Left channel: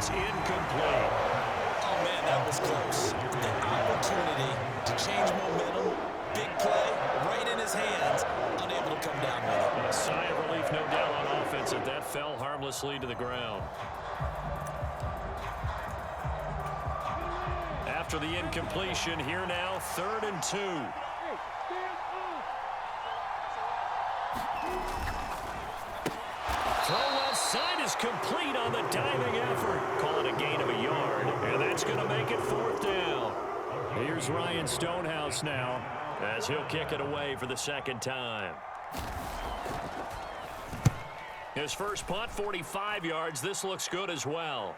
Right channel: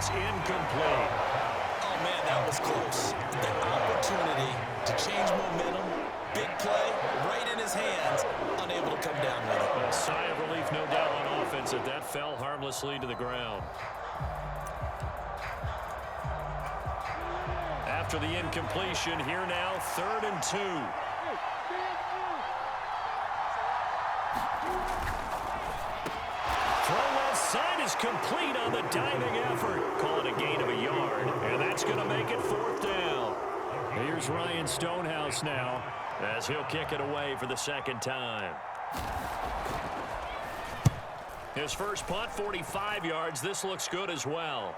It's incomplete. Oh, man, that was close. The opportunity to change momentum, big play, right in his hands, unable to come down with it. A sigh of relief, no doubt, on offense that fell harmlessly to the ground. After the incompletion, here now, 3rd and 2. Throw left side is complete on the diving effort. Call it a gain of a yard, and that's going to make it 4th down. Here's Ryan Stonehouse now as he'll kick it away for the 2nd time. His first punt, 45 yards. This looks good as well.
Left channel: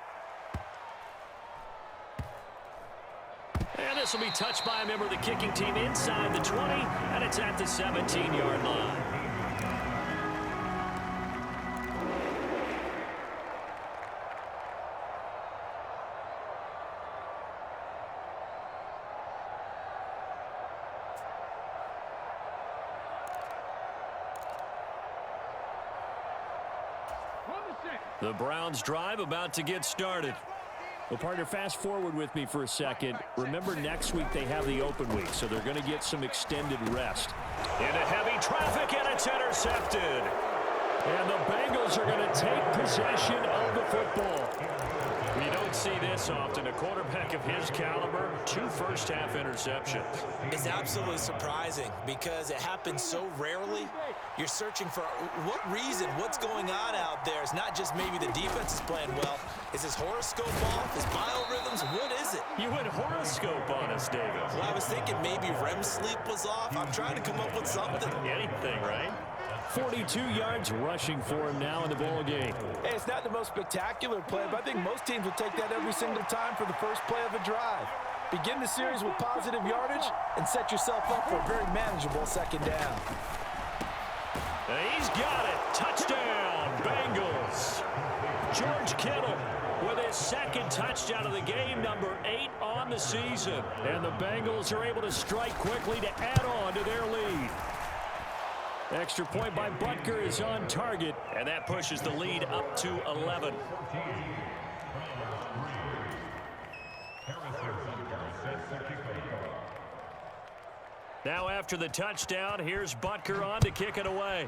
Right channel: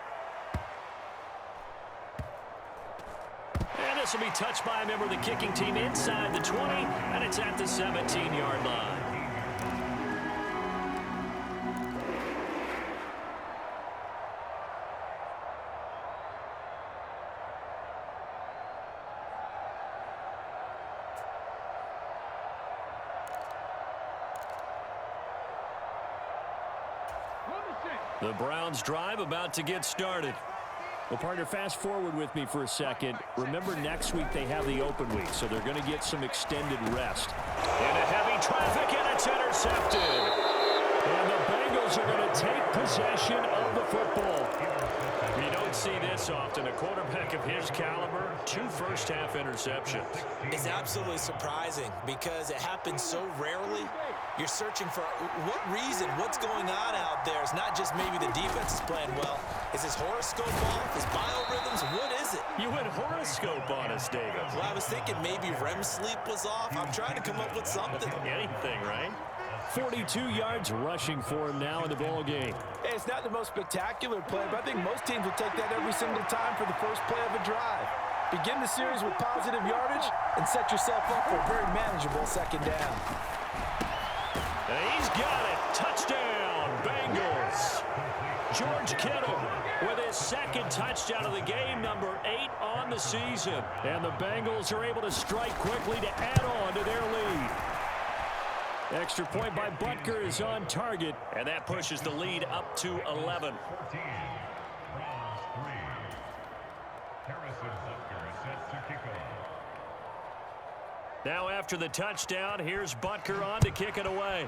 And this will be touched by a member of the kicking team inside the 20, and it's at the 17-yard line. The Browns drive about to get started. Well, partner, fast forward with me for a second. Remember, next week they have the open week, so they're going to get some extended rest. Into heavy traffic, and it's intercepted. And the Bengals are going to take possession of the football. You don't see this often. A quarterback of his caliber, 2 first-half interceptions. It's absolutely surprising because it happens so rarely. You're searching for what reason, what's going on out there. It's not just maybe the defense is playing well. Is his horoscope off? His biorhythms? What is it? You went horoscope on us, David. Well, I was thinking maybe REM sleep was off. I'm trying to come up with something. Anything, right? 42 yards rushing for him now in the ball game. Hey, it's not the most spectacular play, but I think most teams will take that every single time for the first play of a drive. Begin the series with positive yardage and set yourself up for a very manageable 2nd down. And he's got it. Touchdown, Bengals. George Kittle with his 2nd touchdown of the game, number 8 on the season. And the Bengals are able to strike quickly to add on to their lead. Extra point by Butker is on target, and that pushes the lead up to 11. Now after the touchdown, here's Butker on to kick it away.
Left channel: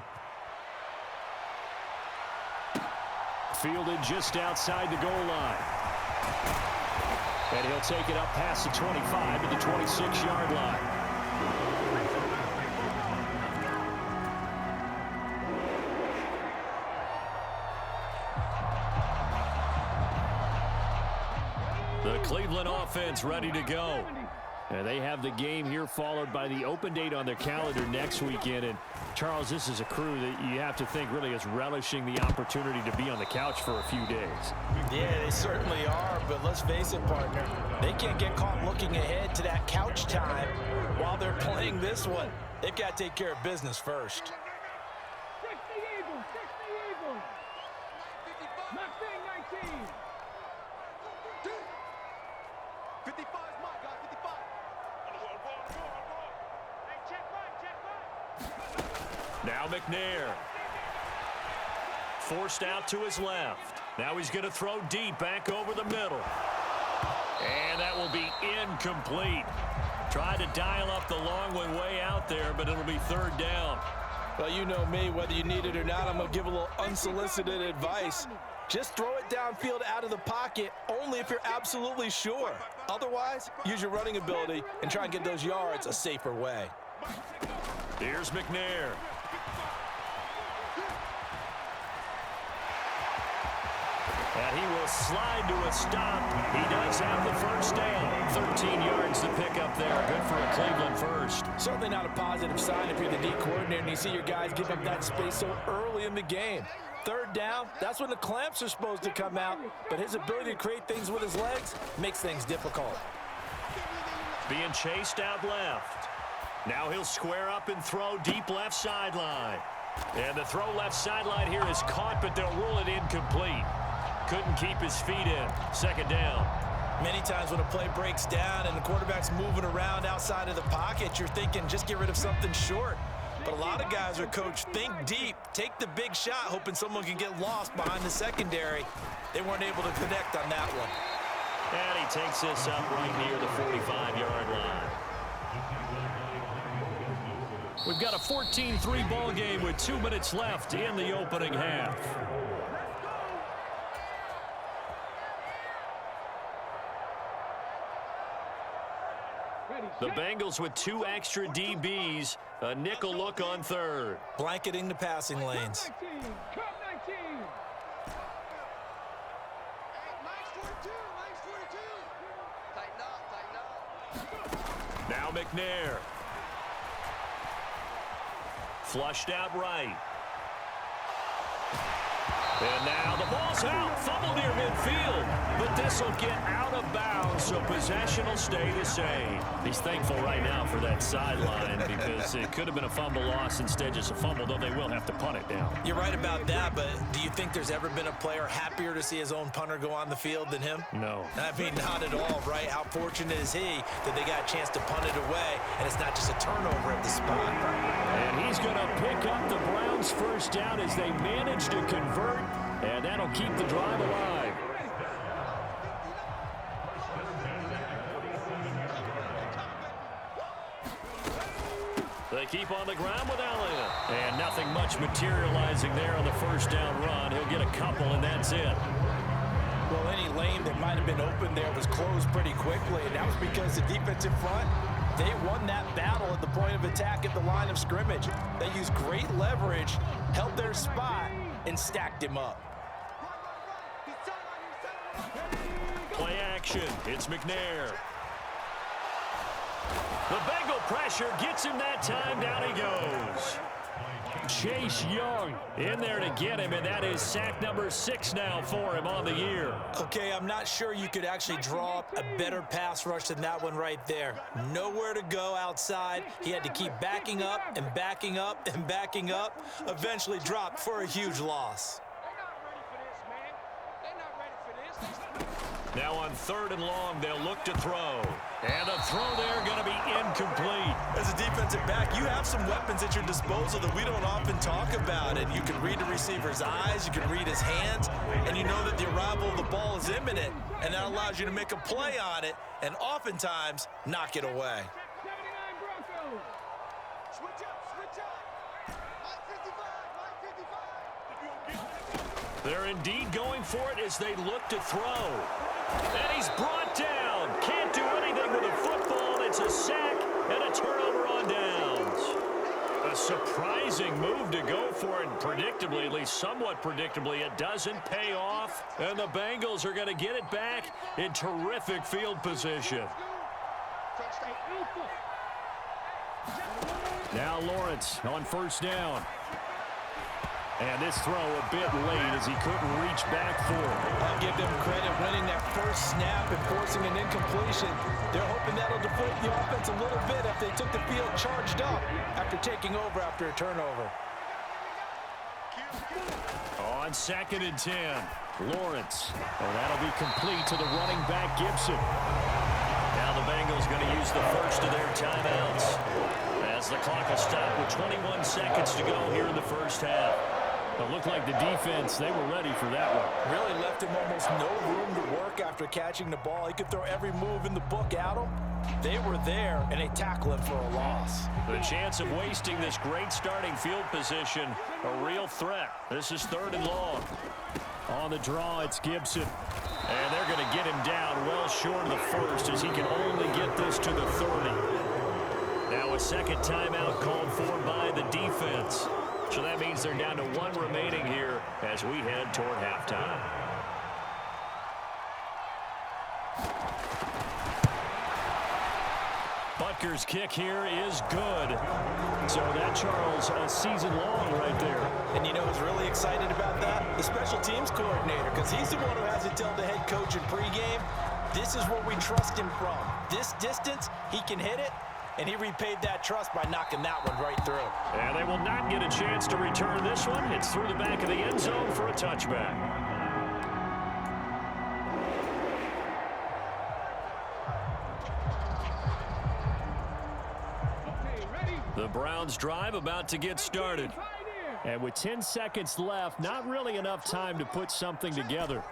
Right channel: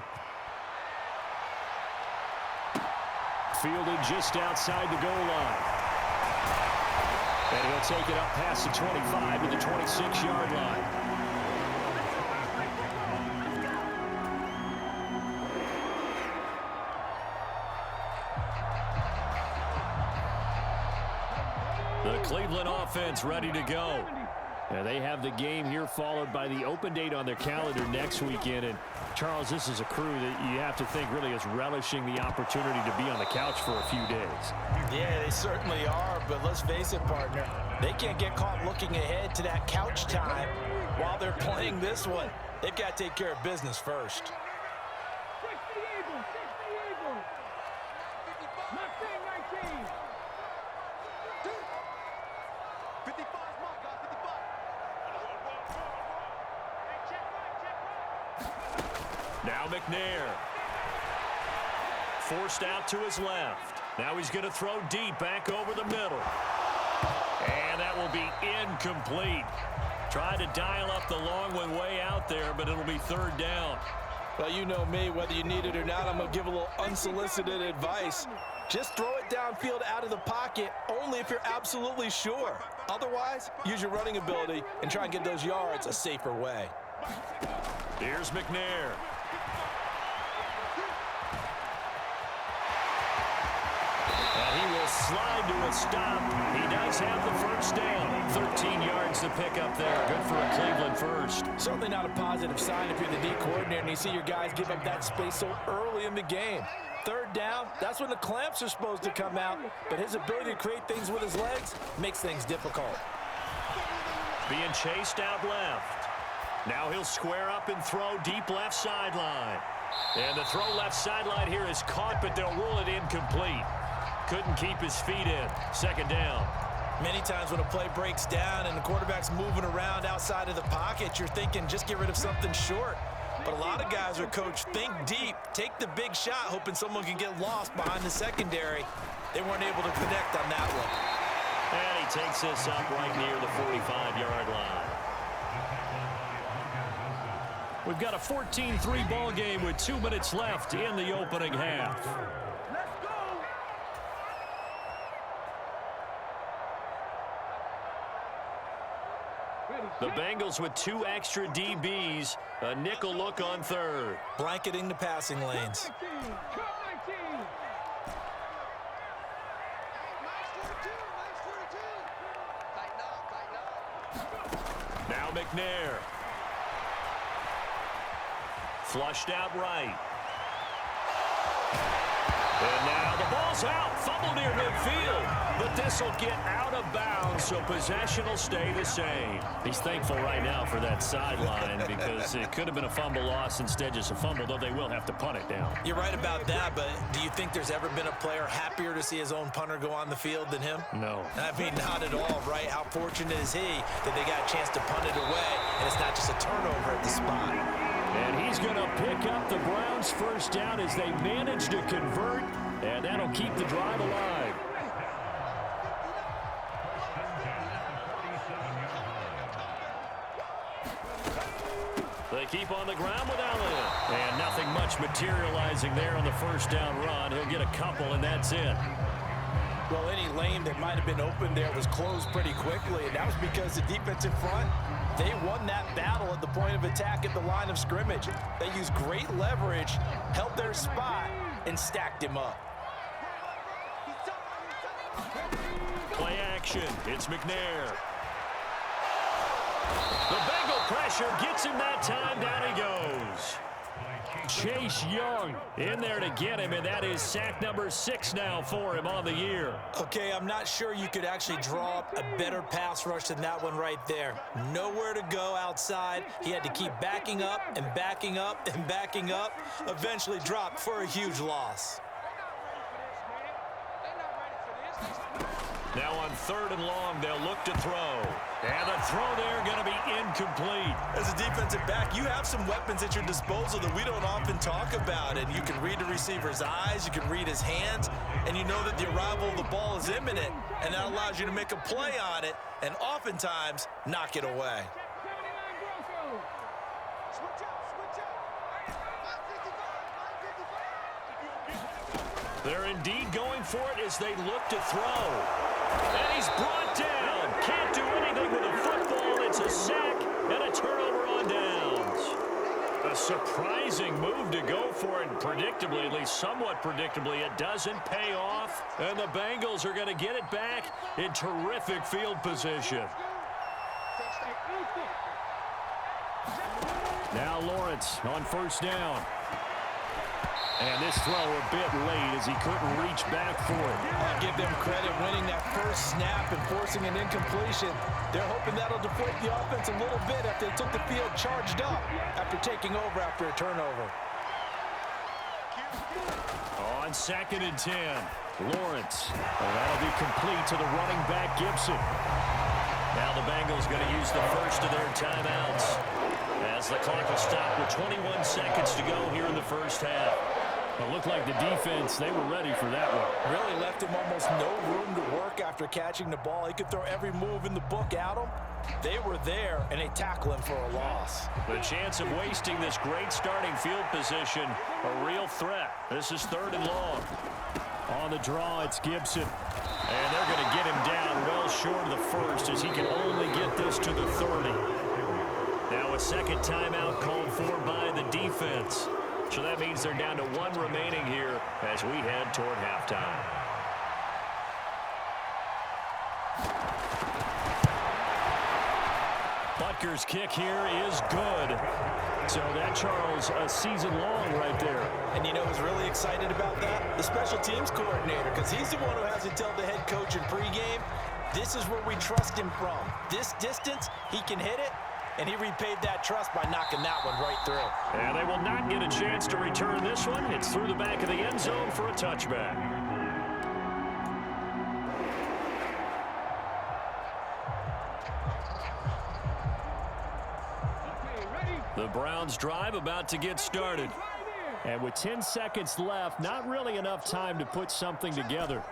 Fielded just outside the goal line. And he'll take it up past the 25 to the 26-yard line. The Cleveland offense ready to go. And they have the game here followed by the open date on their calendar next weekend. And, Charles, this is a crew that you have to think really is relishing the opportunity to be on the couch for a few days. Yeah, they certainly are, but let's face it, partner. They can't get caught looking ahead to that couch time while they're playing this one. They've got to take care of business first. Now McNair. Forced out to his left. Now he's going to throw deep back over the middle. And that will be incomplete. Tried to dial up the long one way out there, but it'll be 3rd down. Well, you know me, whether you need it or not, I'm going to give a little unsolicited advice. Just throw it downfield out of the pocket only if you're absolutely sure. Otherwise, use your running ability and try and get those yards a safer way. Here's McNair. And he will slide to a stop. He does have the 1st down. 13 yards to pick up there. Good for a Cleveland first. Certainly not a positive sign if you're the D coordinator and you see your guys give up that space so early in the game. 3rd down, that's when the clamps are supposed to come out. But his ability to create things with his legs makes things difficult. Being chased out left. Now he'll square up and throw deep left sideline. And the throw left sideline here is caught, but they'll rule it incomplete. Couldn't keep his feet in. 2nd down. Many times when a play breaks down and the quarterback's moving around outside of the pocket, you're thinking just get rid of something short. But a lot of guys are coached, think deep, take the big shot, hoping someone can get lost behind the secondary. They weren't able to connect on that one. And he takes this up right near the 45-yard line. We've got a 14-3 ball game with 2 minutes left in the opening half. The Bengals with 2 extra DBs, a nickel look on third. Blanketing the passing lanes. Now McNair. Flushed out right. And now the ball's out. Fumble near midfield. But this will get out of bounds, so possession will stay the same. He's thankful right now for that sideline because it could have been a fumble loss, instead just a fumble, though they will have to punt it down. You're right about that, but do you think there's ever been a player happier to see his own punter go on the field than him? No. I mean, not at all, right? How fortunate is he that they got a chance to punt it away, and it's not just a turnover at the spot. And he's going to pick up the Browns' first down as they manage to convert, and that'll keep the drive alive. They keep on the ground with Elliott. And nothing much materializing there on the first down run. He'll get a couple, and that's it. Well, any lane that might have been open there was closed pretty quickly, and that was because the defensive front, they won that battle at the point of attack at the line of scrimmage. They used great leverage, held their spot, and stacked him up. Play action. It's McNair. The Bengal pressure gets him that time. Down he goes. Chase Young in there to get him, and that is sack number 6 now for him on the year. Okay, I'm not sure you could actually draw up a better pass rush than that one right there. Nowhere to go outside. He had to keep backing up and backing up and backing up. Eventually dropped for a huge loss. Now on 3rd and long, they'll look to throw. And the throw there going to be incomplete. As a defensive back, you have some weapons at your disposal that we don't often talk about. And you can read the receiver's eyes, you can read his hands, and you know that the arrival of the ball is imminent. And that allows you to make a play on it and oftentimes knock it away. They're indeed going for it as they look to throw. And he's brought down. Can't do anything with a football. It's a sack and a turnover on downs. A surprising move to go for it. Predictably, at least somewhat predictably, it doesn't pay off. And the Bengals are going to get it back in terrific field position. Now Lawrence on 1st down. And this throw a bit late as he couldn't reach back for it. I'll give them credit winning that first snap and forcing an incompletion. They're hoping that'll deflate the offense a little bit after they took the field charged up after taking over after a turnover. On 2nd and 10, Lawrence. And that'll be complete to the running back, Gibson. Now the Bengals going to use the first of their timeouts as the clock will stop with 21 seconds to go here in the first half. It looked like the defense, they were ready for that one. Really left him almost no room to work after catching the ball. He could throw every move in the book at him. They were there, and they tackle him for a loss. The chance of wasting this great starting field position, a real threat. This is 3rd and long. On the draw, it's Gibson. And they're going to get him down well short of the first as he can only get this to the 30. Now a second timeout called for by the defense. So that means they're down to 1 remaining here as we head toward halftime. Butker's kick here is good. So that, Charles, a season long right there. And you know who's really excited about that? The special teams coordinator, because he's the one who has to tell the head coach in pregame, this is where we trust him from. This distance, he can hit it. And he repaid that trust by knocking that one right through. And they will not get a chance to return this one. It's through the back of the end zone for a touchback. Okay, ready? The Browns drive about to get started. And with 10 seconds left, not really enough time to put something together.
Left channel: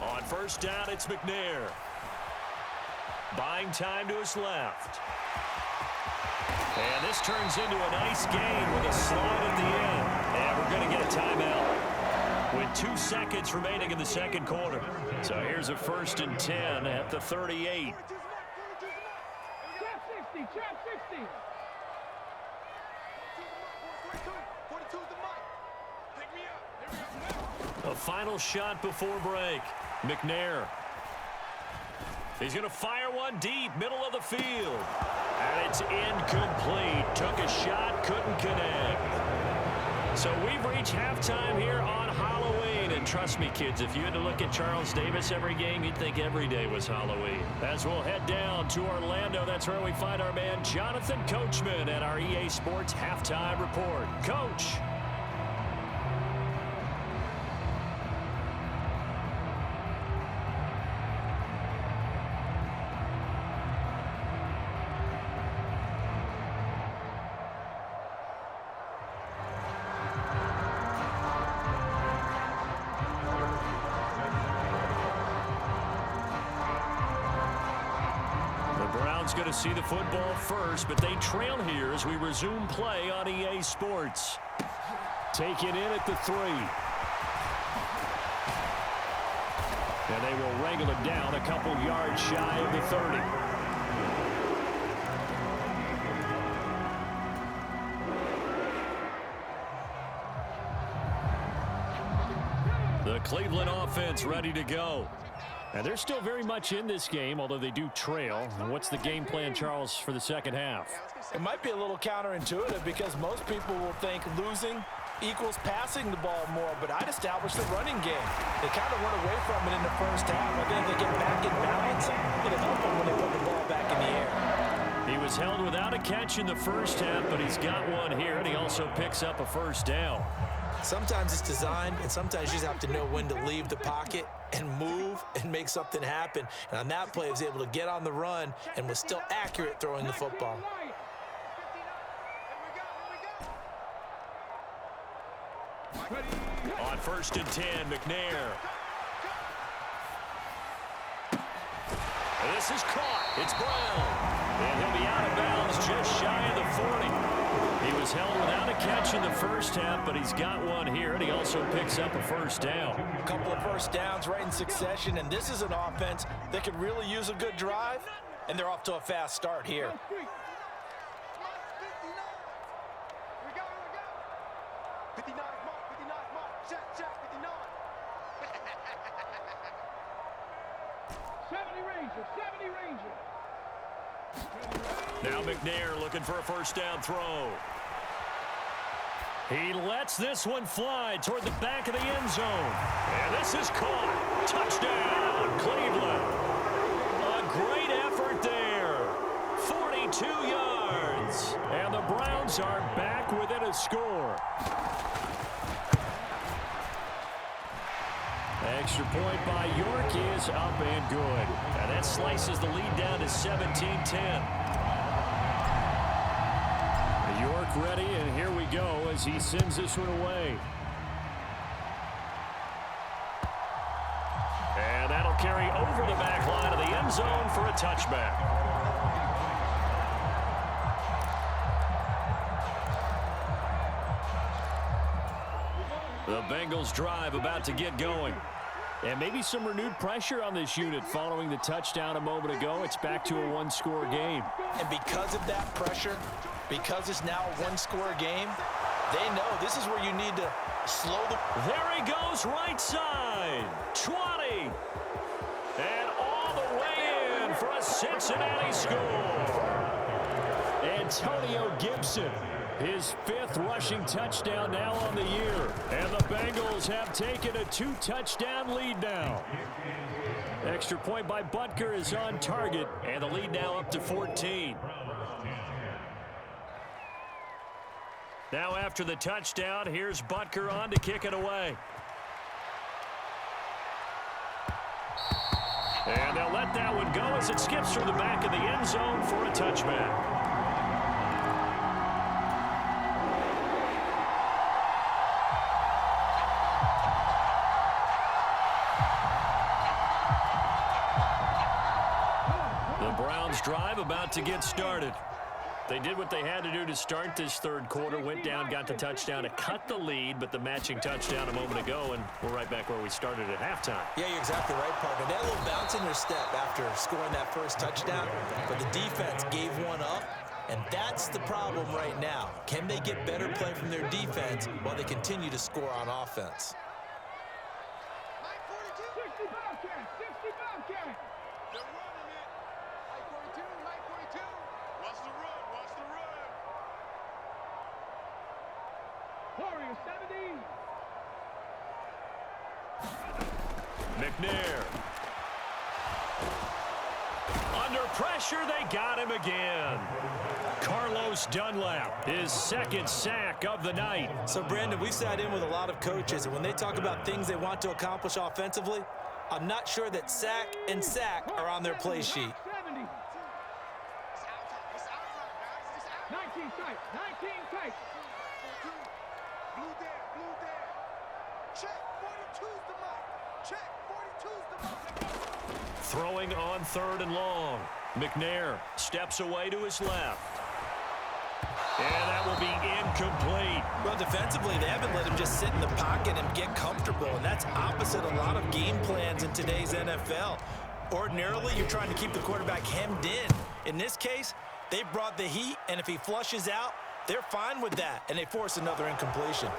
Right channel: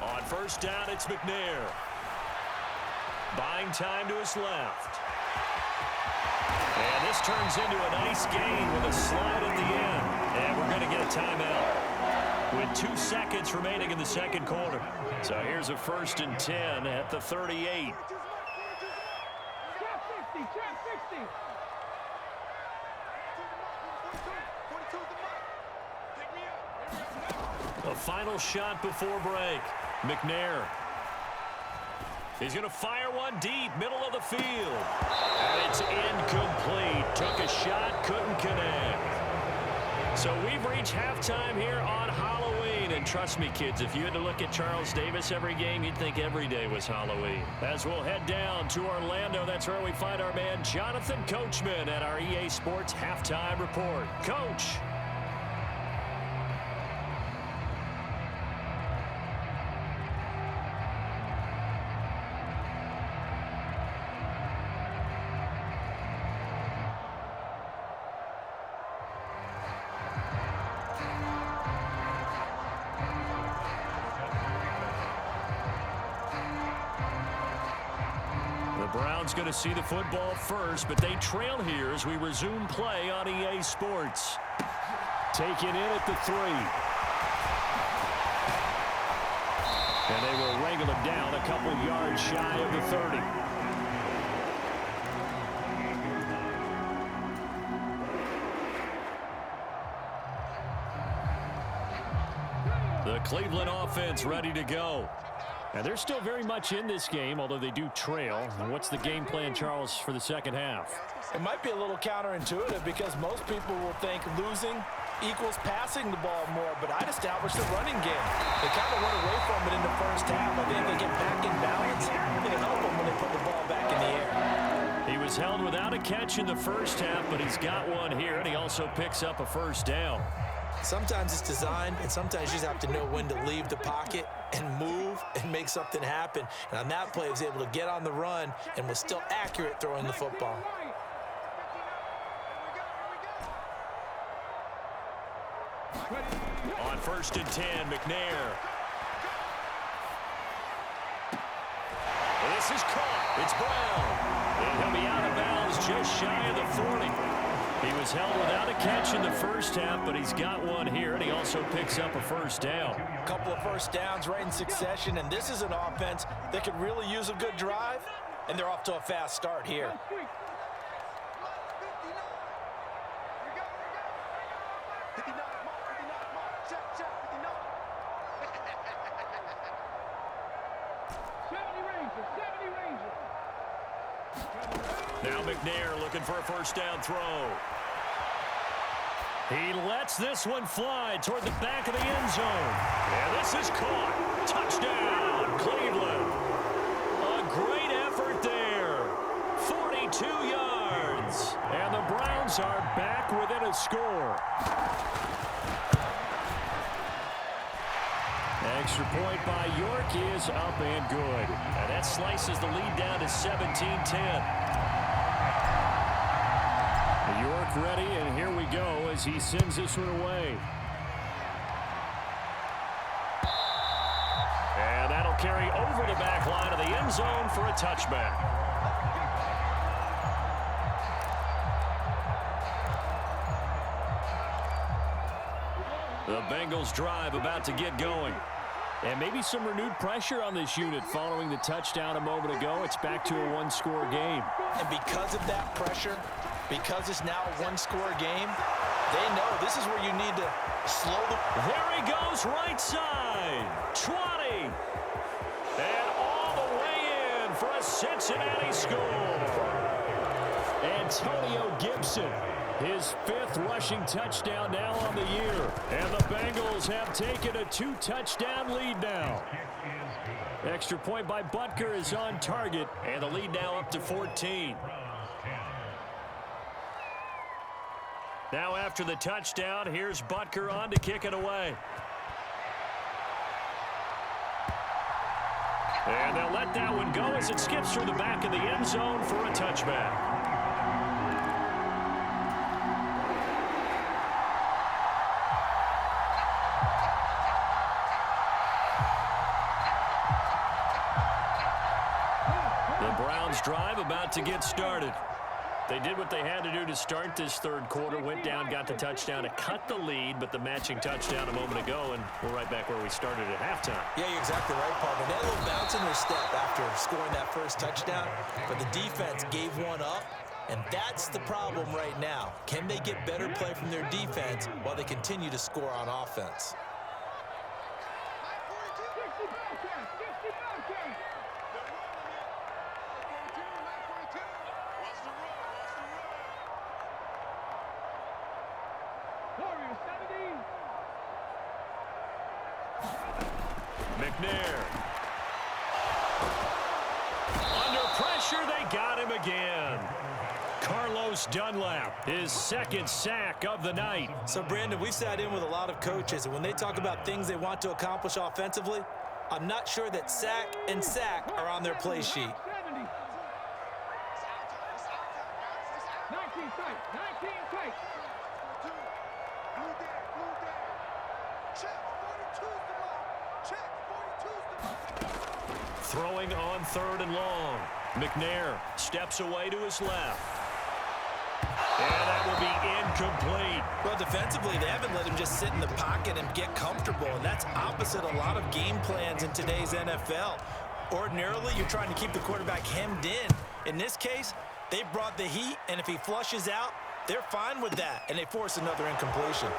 On first down, it's McNair. Buying time to his left. And this turns into a nice gain with a slide at the end. And we're going to get a timeout with 2 seconds remaining in the second quarter. So here's a 1st and 10 at the 38. A final shot before break. McNair. He's going to fire one deep, middle of the field. And it's incomplete. Took a shot, couldn't connect. So we've reached halftime here on Halloween. And trust me, kids, if you had to look at Charles Davis every game, you'd think every day was Halloween. As we'll head down to Orlando, that's where we find our man Jonathan Coachman at our EA Sports Halftime Report. Coach. The Browns going to see the football first, but they trail here as we resume play on EA Sports. Taken in at the 3. And they will wrangle him down a couple yards shy of the 30. The Cleveland offense ready to go. And they're still very much in this game, although they do trail. And what's the game plan, Charles, for the second half? It might be a little counterintuitive because most people will think losing equals passing the ball more, but I'd establish the running game. They kind of went away from it in the first half. I think if they get back in balance, it'll help them when they put the ball back in the air. He was held without a catch in the first half, but he's got one here, and he also picks up a first down. Sometimes it's designed, and sometimes you just have to know when to leave the pocket and move and make something happen. And on that play, he was able to get on the run and was still accurate throwing the football. On 1st and 10, McNair. This is caught. It's Brown. And he'll be out of bounds just shy of the 40. He was held without a catch in the first half, but he's got one here, and he also picks up a first down. A couple of first downs right in succession, and this is an offense that could really use a good drive, and they're off to a fast start here. Now McNair looking for a first down throw. He lets this one fly toward the back of the end zone. And this is caught. Touchdown, Cleveland. A great effort there. 42 yards. And the Browns are back within a score. Extra point by York is up and good. And that slices the lead down to 17-10. York ready, and here we go as he sends this one away. And that'll carry over the back line of the end zone for a touchback. The Bengals drive about to get going. And maybe some renewed pressure on this unit following the touchdown a moment ago. It's back to a one-score game. And because of that pressure, because it's now a one-score game, they know this is where you need to slow the... There he goes, right side. 20. And all the way in for a Cincinnati score. Antonio Gibson. His 5th rushing touchdown now on the year. And the Bengals have taken a 2-touchdown lead now. Extra point by Butker is on target. And the lead now up to 14. Now after the touchdown, here's Butker on to kick it away. And they'll let that one go as it skips through the back of the end zone for a touchback. The Browns drive about to get started. They did what they had to do to start this third quarter, went down, got the touchdown to cut the lead, but the matching touchdown a moment ago, and we're right back where we started at halftime. Yeah, you're exactly right, partner. They had a little bounce in their step after scoring that first touchdown, but the defense gave one up, and that's the problem right now. Can they get better play from their defense while they continue to score on offense? McNair. Under pressure, they got him again. Carlos Dunlap, his second sack of the night. So, Brandon, we've sat in with a lot of coaches, and when they talk about things they want to accomplish offensively, I'm not sure that sack and sack are on their play sheet. 19 tight, 19 tight. Blue there. Check, 42's the mic. Check, 42's the mic. Throwing on 3rd and long. McNair steps away to his left. And that will be incomplete. Well, defensively, they haven't let him just sit in the pocket and get comfortable, and that's opposite a lot of game plans in today's NFL. Ordinarily, you're trying to keep the quarterback hemmed in. In this case, they brought the heat, and if he flushes out, they're fine with that, and they force another incompletion.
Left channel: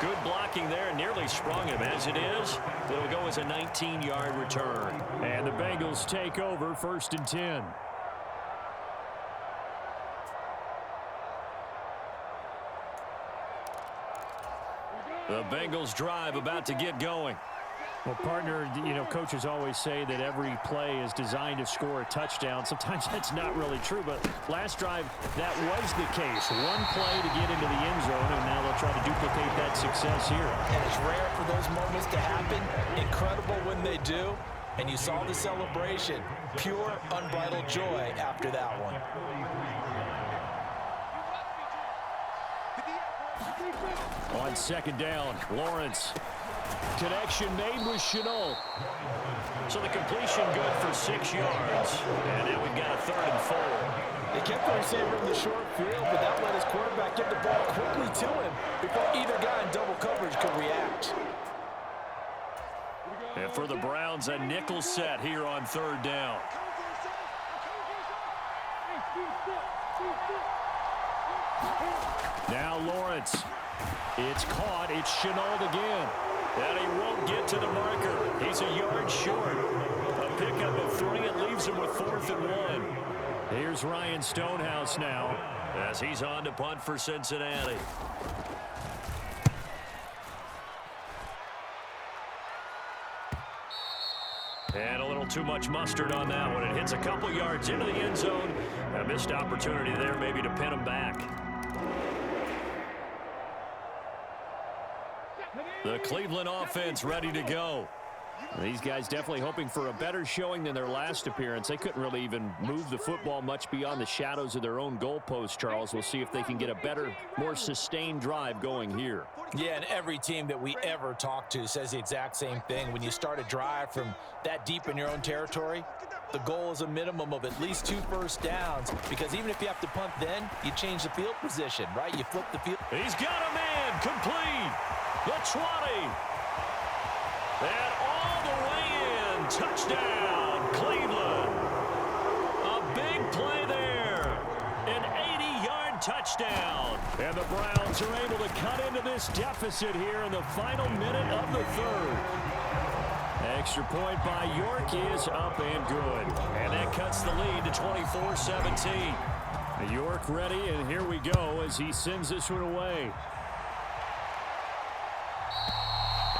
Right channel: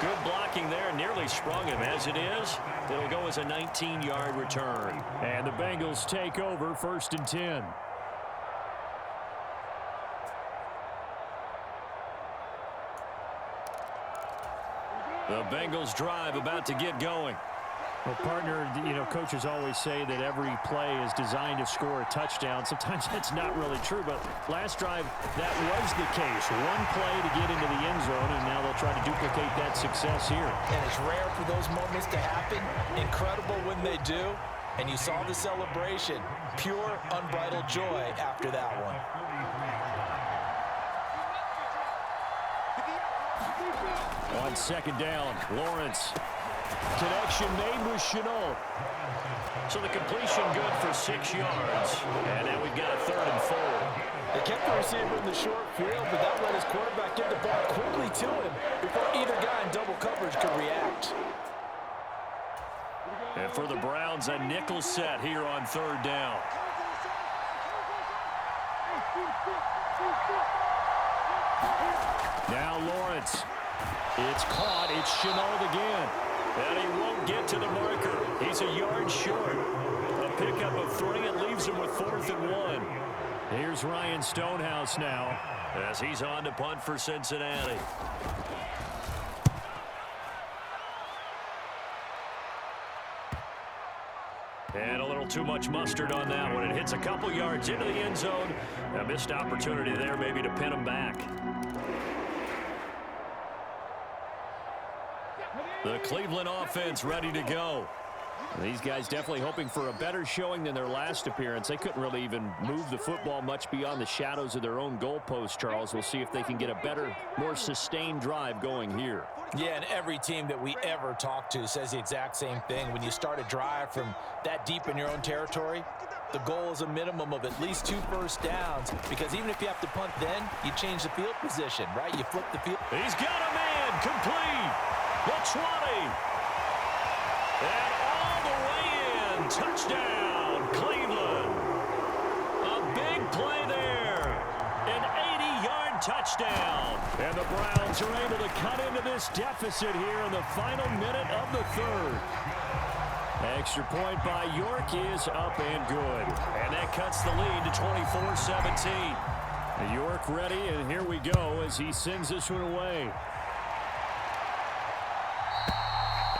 Good blocking there, nearly sprung him. As it is, it'll go as a 19-yard return. And the Bengals take over 1st and 10. The Bengals drive about to get going. Well, partner, you know, coaches always say that every play is designed to score a touchdown. Sometimes that's not really true, but last drive, that was the case. One play to get into the end zone, and now they'll try to duplicate that success here. And it's rare for those moments to happen. Incredible when they do. And you saw the celebration. Pure, unbridled joy after that one. On 2nd down, Lawrence. Connection made with Chenault. So the completion good for 6 yards. And now we've got a 3rd and 4. They kept the receiver in the short field, but that let his quarterback get the ball quickly to him before either guy in double coverage could react. And for the Browns, a nickel set here on 3rd down. Now Lawrence. It's caught. It's Chenault again. And he won't get to the marker. He's a yard short. A pickup of 3. It leaves him with 4th and 1. Here's Ryan Stonehouse now as he's on to punt for Cincinnati. And a little too much mustard on that one. It hits a couple yards into the end zone. A missed opportunity there maybe to pin him back. The Cleveland offense ready to go. These guys definitely hoping for a better showing than their last appearance. They couldn't really even move the football much beyond the shadows of their own goalpost, Charles. We'll see if they can get a better, more sustained drive going here. Yeah, and every team that we ever talk to says the exact same thing. When you start a drive from that deep in your own territory, the goal is a minimum of at least 2 first downs, because even if you have to punt then, you change the field position, right? You flip the field. He's got a man complete. The 20. And all the way in. Touchdown, Cleveland. A big play there. An 80-yard touchdown. And the Browns are able to cut into this deficit here in the final minute of the 3rd. Extra point by York is up and good. And that cuts the lead to 24-17. York ready, and here we go as he sends this one away.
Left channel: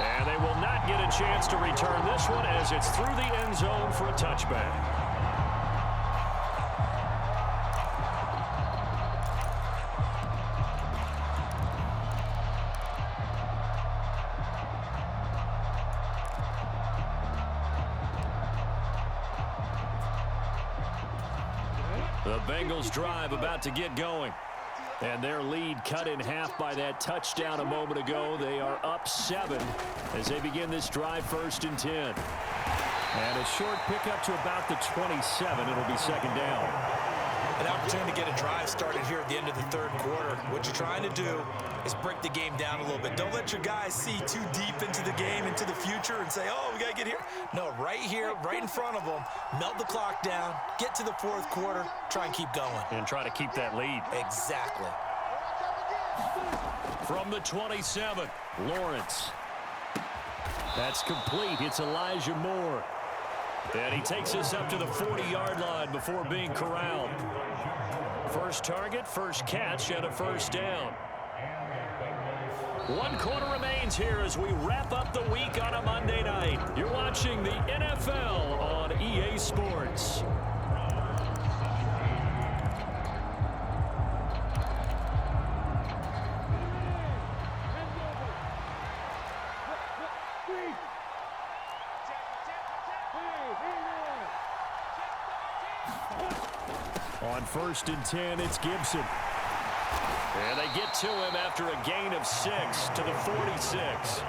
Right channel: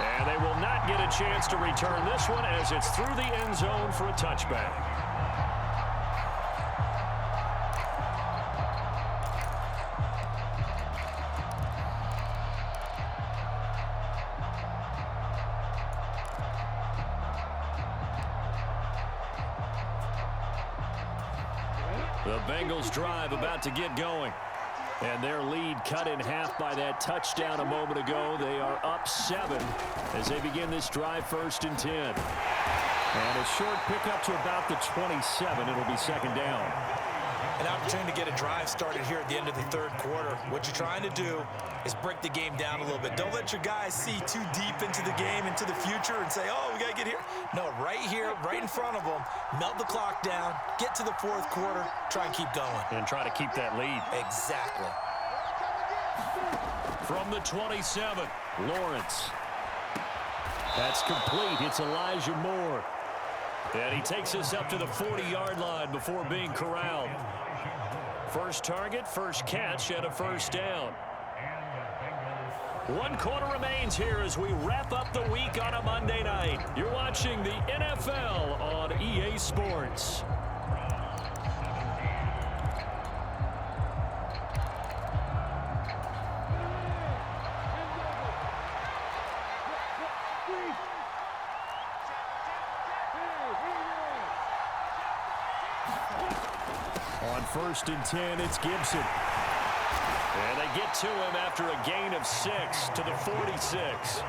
And they will not get a chance to return this one as it's through the end zone for a touchback. The Bengals drive about to get going. And their lead cut in half by that touchdown a moment ago. They are up 7 as they begin this drive, 1st and 10. And a short pickup to about the 27. It'll be 2nd down. An opportunity to get a drive started here at the end of the 3rd quarter. What you're trying to do is break the game down a little bit. Don't let your guys see too deep into the game, into the future, and say, oh, we got to get here. No, right here, right in front of them, melt the clock down, get to the 4th quarter, try and keep going. And try to keep that lead. Exactly. From the 27, Lawrence. That's complete. It's Elijah Moore. And he takes us up to the 40-yard line before being corralled. First target, first catch, and a 1st down. 1 quarter remains here as we wrap up the week on a Monday night. You're watching the NFL on EA Sports. On 1st and 10, it's Gibson. And they get to him after a gain of 6 to the 46.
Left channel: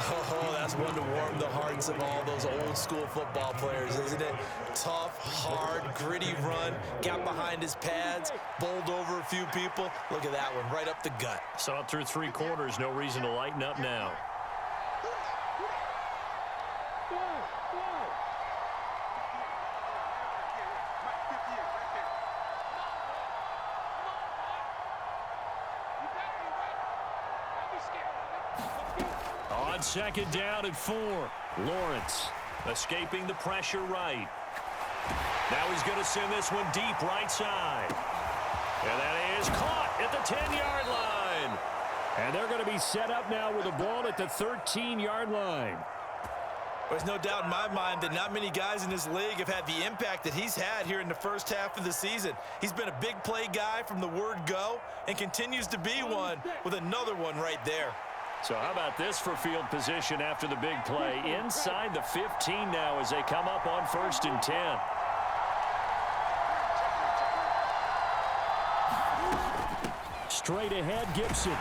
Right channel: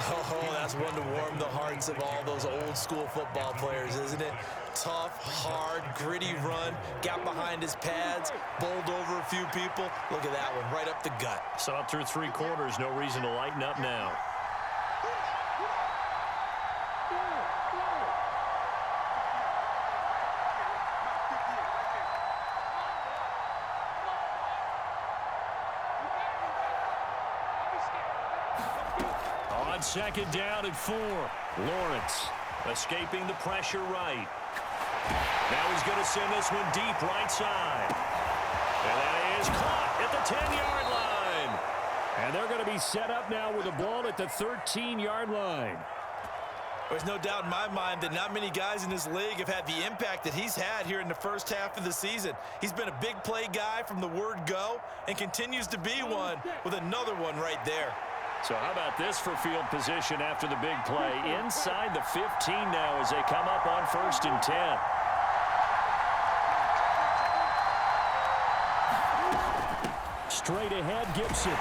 Oh, that's one to warm the hearts of all those old school football players, isn't it? Tough, hard, gritty run, got behind his pads, bowled over a few people. Look at that one, right up the gut. Saw it through 3 quarters, no reason to lighten up now. On 2nd down and 4, Lawrence escaping the pressure right. Now he's going to send this one deep right side. And that is caught at the 10-yard line. And they're going to be set up now with the ball at the 13-yard line. There's no doubt in my mind that not many guys in this league have had the impact that he's had here in the first half of the season. He's been a big play guy from the word go and continues to be one with another one right there. So how about this for field position after the big play? Inside the 15 now as they come up on 1st and 10. Straight ahead, Gibson.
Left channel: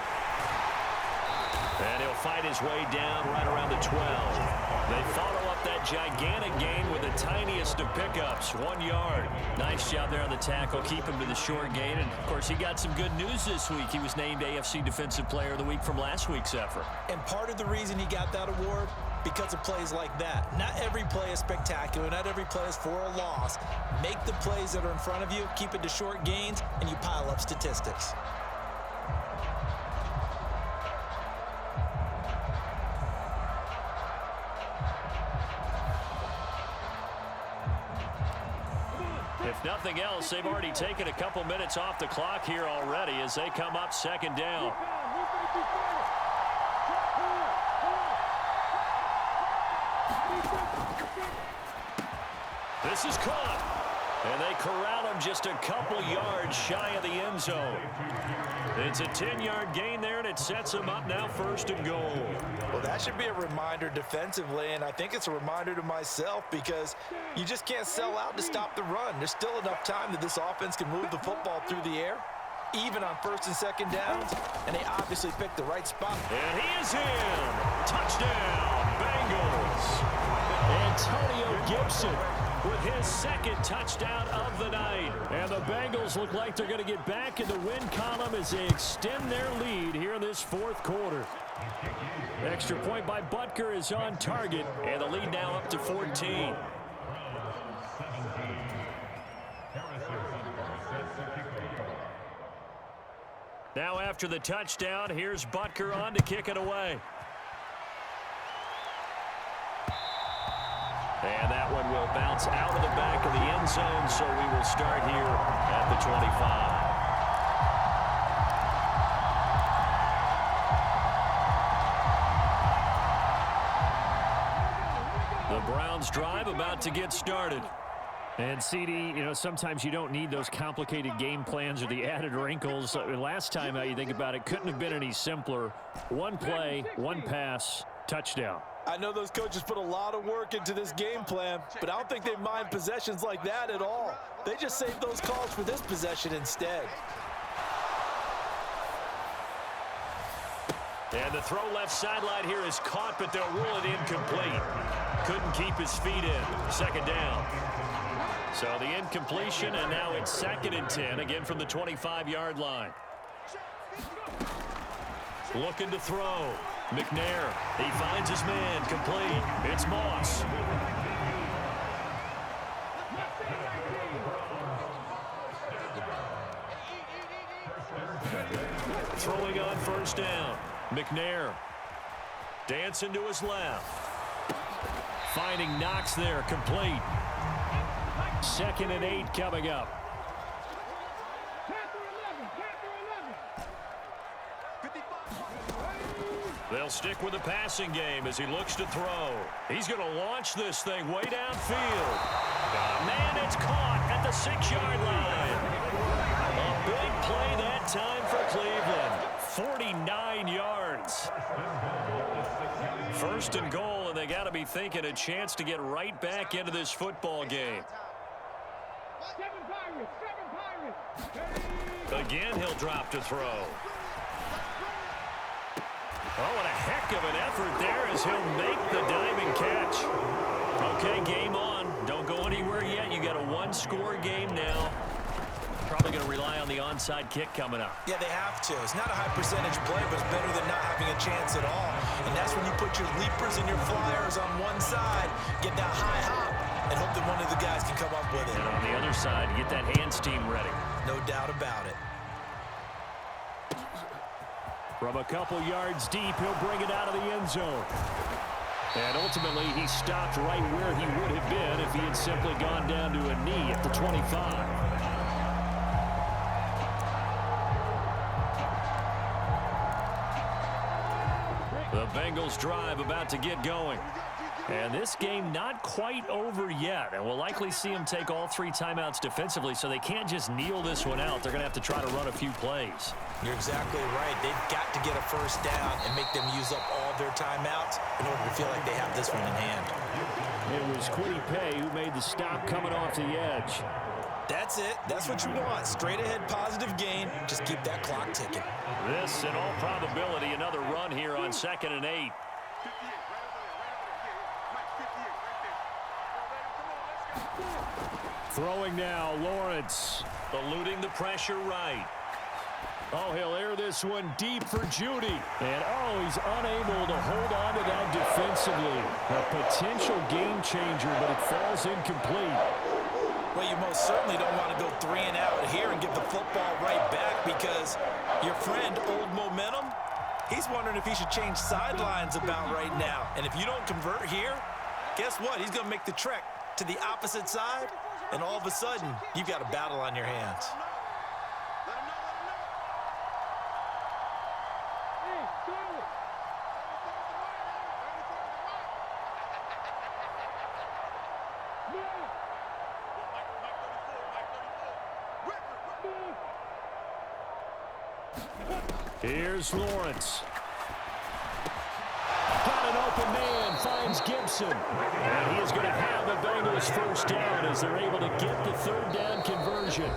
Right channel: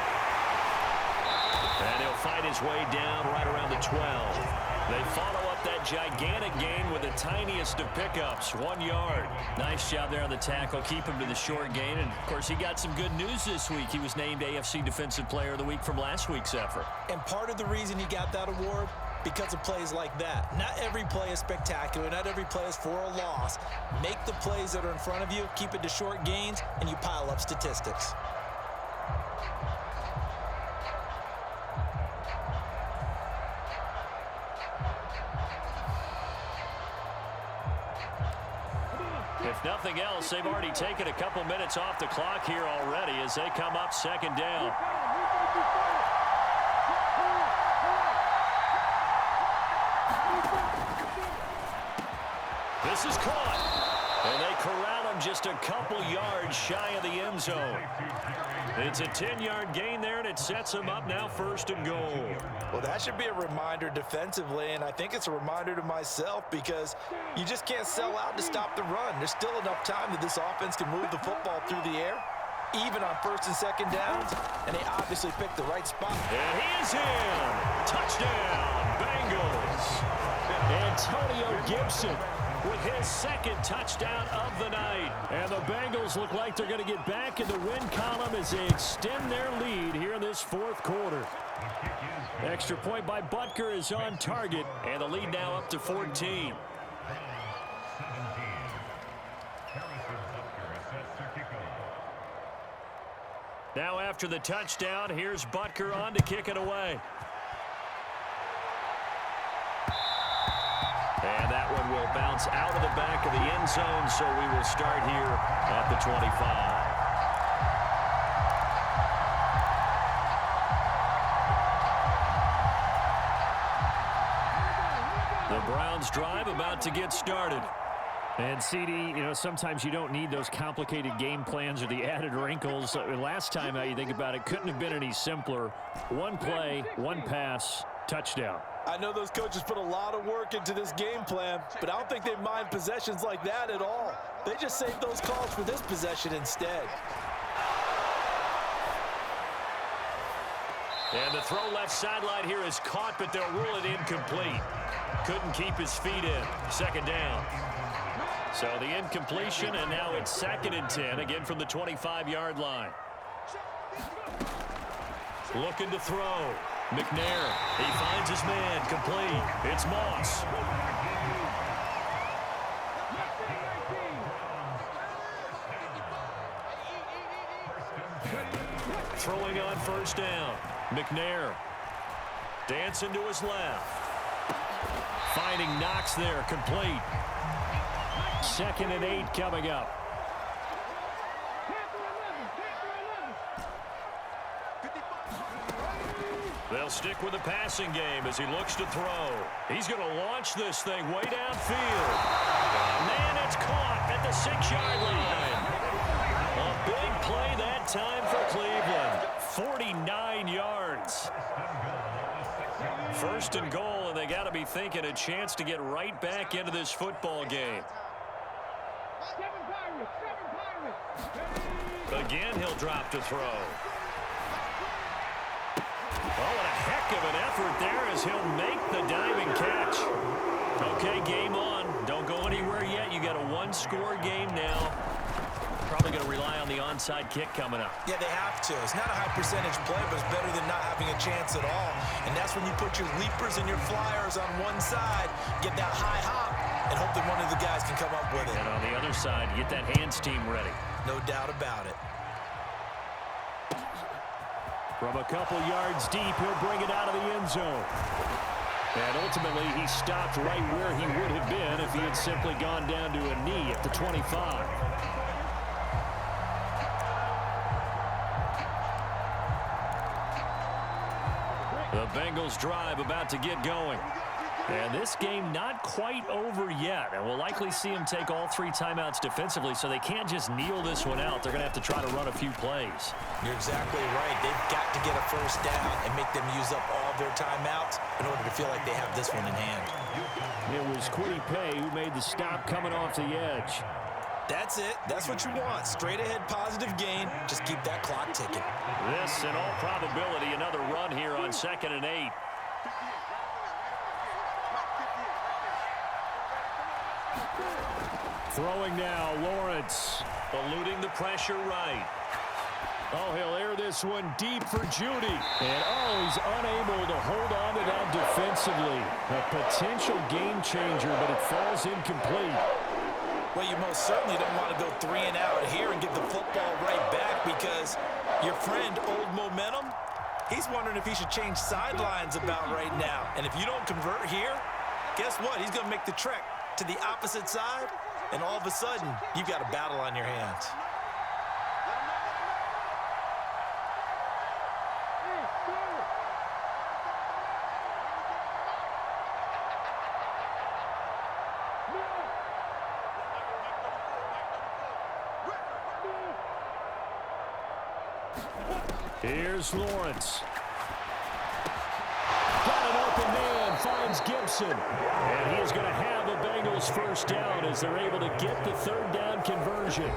And he'll fight his way down right around the 12. They follow up that gigantic gain with the tiniest of pickups, 1 yard. Nice job there on the tackle. Keep him to the short gain. And, of course, he got some good news this week. He was named AFC Defensive Player of the Week from last week's effort. And part of the reason he got that award, because of plays like that. Not every play is spectacular. Not every play is for a loss. Make the plays that are in front of you, keep it to short gains, and you pile up statistics. If nothing else, they've already taken a couple minutes off the clock here already as they come up 2nd down. This is caught, and they corral him just a couple yards shy of the end zone. It's a 10-yard gain there, and it sets him up now 1st and goal. Well, that should be a reminder defensively, and I think it's a reminder to myself because you just can't sell out to stop the run. There's still enough time that this offense can move the football through the air, even on 1st and 2nd downs, and they obviously picked the right spot. And he is in. Touchdown, Bengals. Antonio Gibson with his 2nd touchdown of the night. And the Bengals look like they're going to get back in the win column as they extend their lead here in this 4th quarter. Extra point by Butker is on target, and the lead now up to 14. Now after the touchdown, here's Butker on to kick it away. And that one will bounce out of the back of the end zone, so we will start here at the 25. The Browns drive about to get started. And, CD, you know, sometimes you don't need those complicated game plans or the added wrinkles. Last time, you think about it, couldn't have been any simpler. One play, one pass, touchdown. I know those coaches put a lot of work into this game plan, but I don't think they mind possessions like that at all. They just save those calls for this possession instead. And the throw left sideline here is caught, but they'll rule it incomplete. Couldn't keep his feet in. Second down. So the incompletion, and now it's 2nd and 10, again from the 25-yard line. Looking to throw. McNair, he finds his man, complete. It's Moss. Throwing on first down. McNair dancing to his left. Finding Knox there, complete. 2nd and 8 coming up. They'll stick with the passing game as he looks to throw. He's going to launch this thing way downfield. Man, it's caught at the 6-yard line. A big play that time for Cleveland. 49 yards. 1st and goal, and they got to be thinking a chance to get right back into this football game. Again, he'll drop to throw. Oh, what a heck of an effort there as he'll make the diving catch. Okay, game on. Don't go anywhere yet. You got a 1-score game now. Probably going to rely on the onside kick coming up. Yeah, they have to. It's not a high percentage play, but it's better than not having a chance at all. And that's when you put your leapers and your flyers on one side, get that high hop, and hope that one of the guys can come up with it. And on the other side, get that hands team ready. No doubt about it. From a couple yards deep, he'll bring it out of the end zone. And ultimately, he stopped right where he would have been if he had simply gone down to a knee at the 25. The Bengals drive about to get going. And this game not quite over yet. And we'll likely see them take all 3 timeouts defensively, so they can't just kneel this one out. They're going to have to try to run a few plays. You're exactly right. They've got to get a first down and make them use up all their timeouts in order to feel like they have this one in hand. It was Kwity Paye who made the stop coming off the edge. That's it. That's what you want. Straight ahead positive gain. Just keep that clock ticking. This, in all probability, another run here on 2nd and 8. Throwing now, Lawrence. Eluding the pressure right. Oh, he'll air this one deep for Judy. And, oh, he's unable to hold on to that defensively. A potential game changer, but it falls incomplete. Well, you most certainly don't want to go 3 and out here and give the football right back because your friend, Old Momentum, he's wondering if he should change sidelines about right now. And if you don't convert here, guess what? He's going to make the trek to the opposite side, and all of a sudden, you've got a battle on your hands. Here's Lawrence. Got an open man, finds Gibson. And he is going to have the Bengals first down as they're able to get the 3rd down conversion.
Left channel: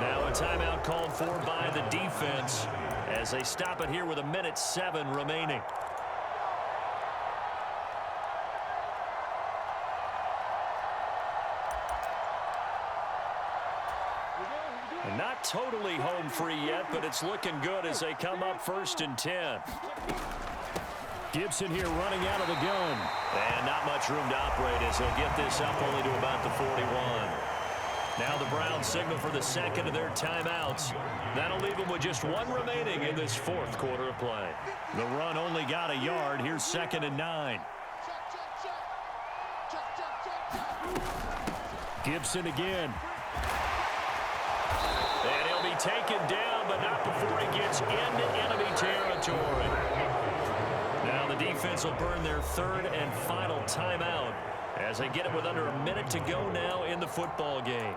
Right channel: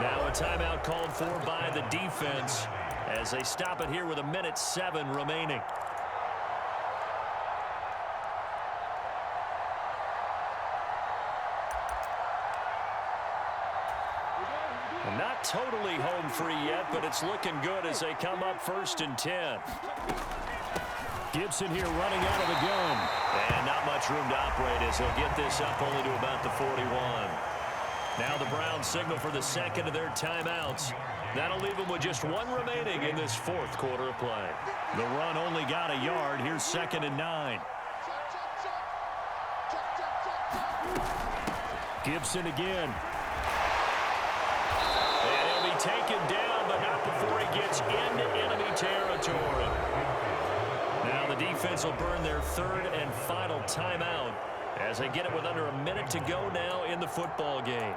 Now a timeout called for by the defense as they stop it here with 1:07 remaining. And not totally home free yet, but it's looking good as they come up 1st and 10. Gibson here running out of the gun. And not much room to operate as he'll get this up only to about the 41. Now the Browns signal for the 2nd of their timeouts. That'll leave them with just 1 remaining in this 4th quarter of play. The run only got a yard. Here's 2nd and 9. Gibson again. And he'll be taken down, but not before he gets into enemy territory. Now the defense will burn their 3rd and final timeout as they get it with under a minute to go now in the football game.